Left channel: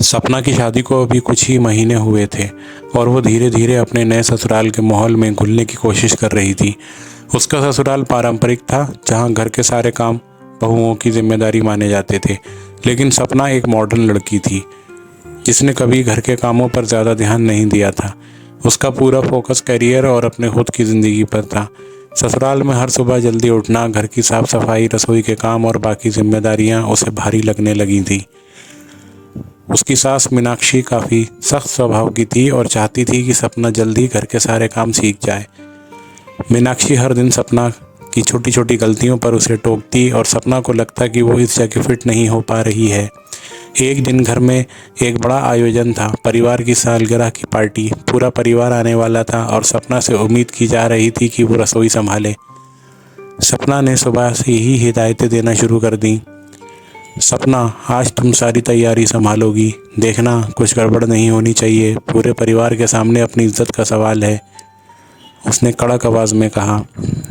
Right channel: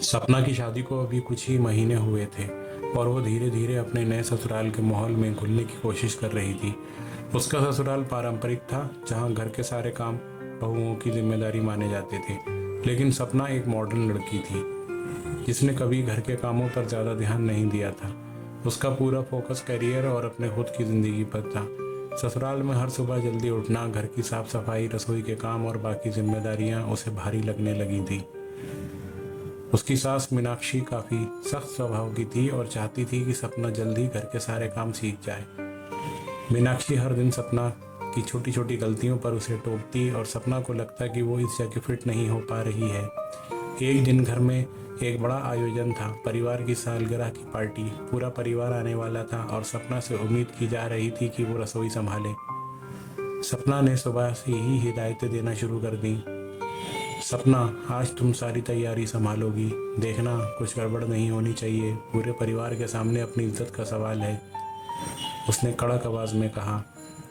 सपना की शादी को अभी कुछ ही महीने हुए थे और वो धीरे धीरे अपने नए ससुराल के माहौल में घुलने की कोशिश कर रही थी। उसका ससुराल पारंपरिक था, जहाँ घर के सारे काम बहुओं की जिम्मेदारी माने जाते थे। लेकिन सपना एक मॉडर्न लड़की थी जिसने कभी घर के कामों पर ज़्यादा ध्यान नहीं दिया था। उसका पूरा फोकस करियर और अपने खुद की ज़िंदगी पर था। ससुराल में हर सुबह जल्दी उठना, घर की साफ सफाई, रसोई के काम और बाकी जिम्मेदारियां उसे भारी लगने लगी थी। उसकी सास मीनाक्षी काफ़ी सख्त स्वभाव की थी और चाहती थी कि सपना जल्दी घर के सारे काम सीख जाए। मीनाक्षी हर दिन सपना की छोटी छोटी गलतियों पर उसे टोकती और सपना को लगता कि वो इस जगह फिट नहीं हो पा रही है। एक दिन घर में एक बड़ा आयोजन था, परिवार की सालगिरह की पार्टी। पूरा परिवार आने वाला था और सपना से उम्मीद की जा रही थी कि वो रसोई संभाले। सपना ने सुबह से ही हिदायतें देना शुरू कर दी। सपना, आज तुम सारी तैयारी संभालोगी, देखना कुछ गड़बड़ नहीं होनी चाहिए, पूरे परिवार के सामने अपनी इज्जत का सवाल है, उसने कड़क आवाज़ में कहा।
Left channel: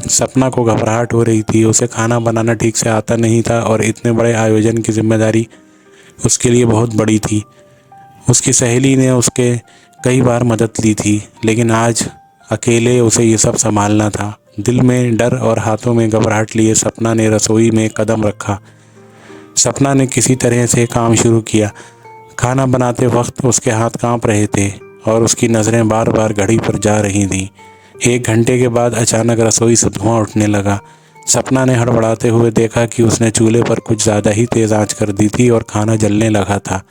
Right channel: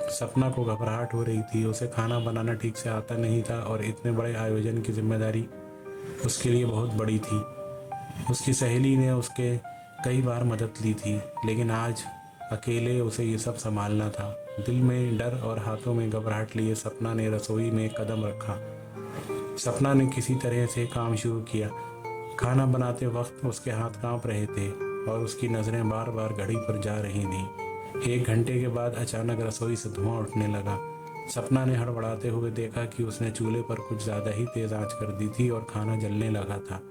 सपना को घबराहट हो रही थी। उसे खाना बनाना ठीक से आता नहीं था और इतने बड़े आयोजन की जिम्मेदारी उसके लिए बहुत बड़ी थी। उसकी सहेली ने उसके कई बार मदद ली थी, लेकिन आज अकेले उसे ये सब संभालना था। दिल में डर और हाथों में घबराहट लिए सपना ने रसोई में कदम रखा। सपना ने किसी तरह से काम शुरू किया। खाना बनाते वक्त उसके हाथ कांप रहे थे और उसकी नज़रें बार बार घड़ी पर जा रही थीं। 1 घंटे के बाद अचानक रसोई से धुआं उठने लगा। सपना ने हड़बड़ाते हुए देखा कि उसने चूल्हे पर कुछ ज़्यादा ही तेज़ आंच कर दी थी और खाना जलने लगा था।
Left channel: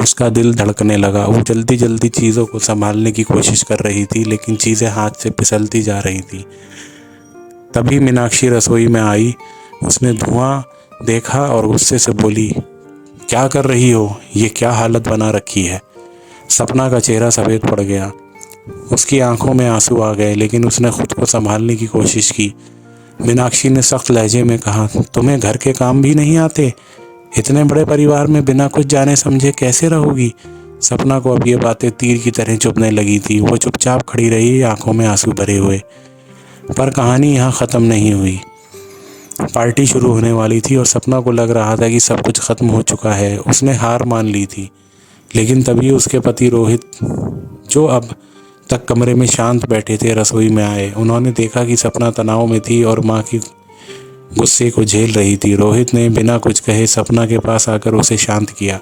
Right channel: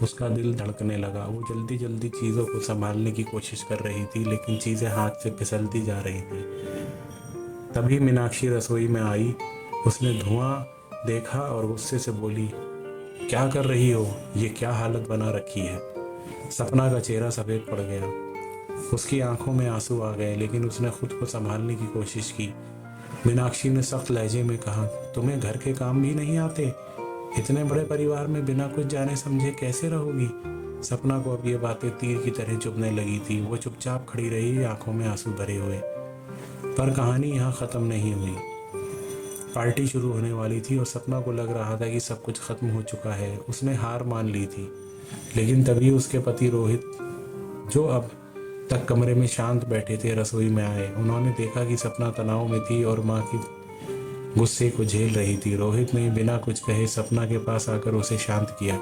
उसका दिल धड़कने लगा। वो जल्दी जल्दी चीज़ों को संभालने की कोशिश कर रही थी, लेकिन चीज़ें हाथ से फिसलती जा रही थी। तभी मीनाक्षी रसोई में आई। उसने धुआं देखा और गुस्से से बोली, क्या कर रही हो? ये क्या हालत बना रखी है? सपना का चेहरा सफ़ेद पड़ गया। उसकी आंखों में आंसू आ गए, लेकिन उसने खुद को संभालने की कोशिश की। मीनाक्षी ने सख्त लहजे में कहा, तुम्हें घर के काम भी नहीं आते? इतने बड़े परिवार में बिना कुछ जाने समझे कैसे रहोगी? सपना को अब ये बातें तीर की तरह चुभने लगी थी। वो चुपचाप खड़ी रही, आंखों में आंसू भरे हुए। पर कहानी यहाँ ख़त्म नहीं हुई। पार्टी शुरू होने वाली थी और सपना को लग रहा था कि सब कुछ ख़त्म हो चुका है। उसने हार मान ली थी। लेकिन तभी उसके पति रोहित, जो अब तक कमरे में शांत बैठे थे, रसोई में आए। उन्होंने देखा कि सपना तनाव में थी और माँ की गुस्से को झेल रही थी। रोहित ने बिना कुछ कहे सपना के पास आकर उसे शांत किया।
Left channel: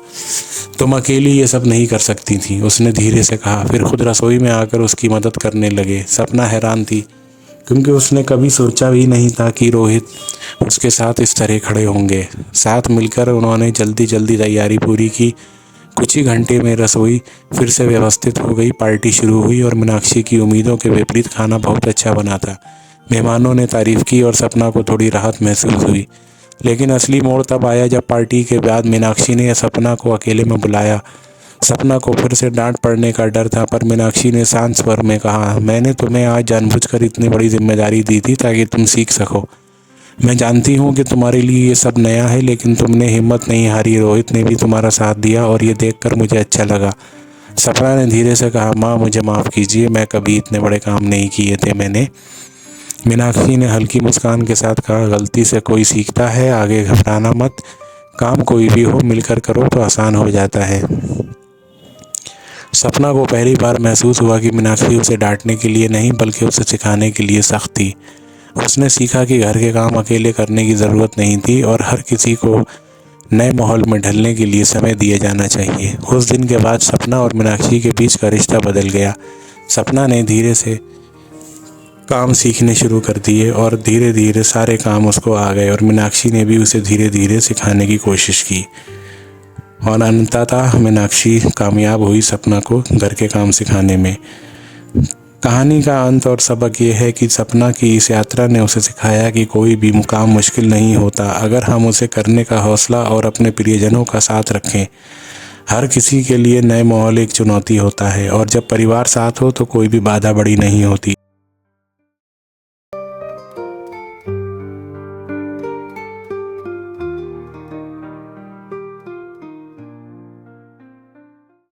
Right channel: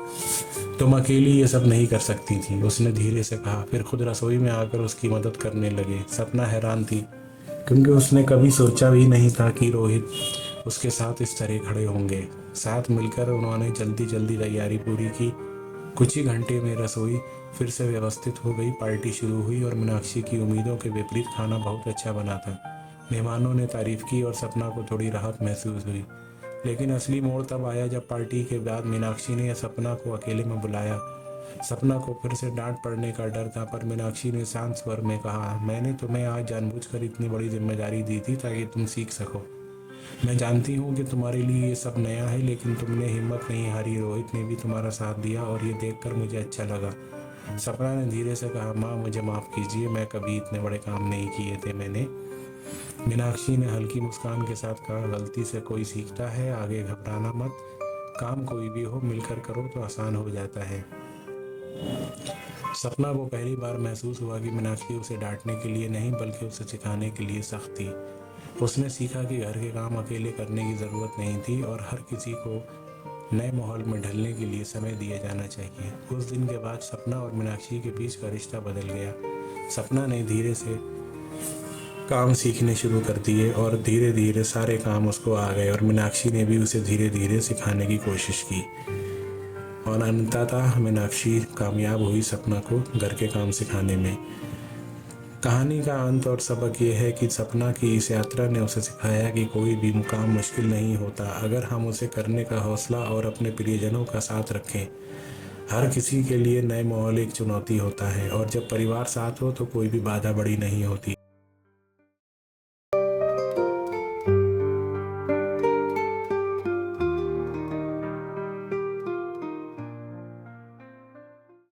तुम अकेली ये सब नहीं कर सकती थी, उसने धीरे से कहा। फिर खुद रसोई में आकर उसकी मदद करने लगे। सपना हैरान थी, क्योंकि उसने कभी सोचा भी नहीं था कि रोहित उसके साथ इस तरह खड़े होंगे। साथ मिलकर उन्होंने जल्दी जल्दी तैयारी पूरी की। कुछ ही घंटे में रसोई फिर से व्यवस्थित हो गई। पार्टी शुरू हुई और मीनाक्षी की उम्मीदों के विपरीत खाना बहुत अच्छा बना था। मेहमानों ने तारीफ़ की और सपना को थोड़ी राहत महसूस हुई। लेकिन असली मोड़ तब आया जब पार्टी के बाद मीनाक्षी ने सपना को अकेले में बुलाया। सपना को फिर से डांट पड़ने का डर था, पर मीनाक्षी ने शांत स्वर में कहा, मैंने तुम्हें आज जानबूझकर इतनी बड़ी जिम्मेदारी दी थी ताकि तुम सीख सको। मैं जानती हूँ कि तुम्हारे लिए ये सब नया है, लेकिन तुमने हिम्मत नहीं हारी। रोहित ने भी तुम्हारा साथ दिया और ये देखकर मुझे अच्छा लगा। सपना ने धीरे से कहा, माँ मुझे माफ़ कीजिए, मैं कभी इतने बड़े काम नहीं किए थे मैंने। मीनाक्षी ने हल्की मुस्कान के साथ कहा, गलती से कोई सीखता है, आगे घबराना मत। काम कोई भी हो, मिलकर करो तो आसान हो जाता है। सपना को पहली बार महसूस हुआ कि मीनाक्षी उसे डांटने के लिए नहीं, बल्कि उसे सिखाने के लिए सख्त थी। उसने सीखा कि घर के काम अकेले करने की ज़रूरत नहीं थी और हर किसी को नए माहौल में ढलने के लिए समय दिया जाना चाहिए। उस दिन के बाद सपना और मीनाक्षी के बीच का रिश्ता बदल गया। सपना ने धीरे से काम सीखने शुरू कर दिए और धीरे धीरे सारे काम उसको आ गए, और मीनाक्षी ने भी उसे धीरे धीरे सिखाने की कोशिश की। और अंततः मीनाक्षी कामयाब हुई सपना को घर के काम सिखाने में। कहानी का अंत और सबक ये है कि सपना की इस यात्रा ने उसे सिखाया कि कोई भी मुकाम मुश्किल नहीं होता, अगर हम उसे करने का हौसला और अपने प्रियजनों का साथ रखें। हर किसी के लिए नए माहौल एक चुनौती होता है, और जब परिवार साथ हो तो कोई भी बाधा बड़ी नहीं होती।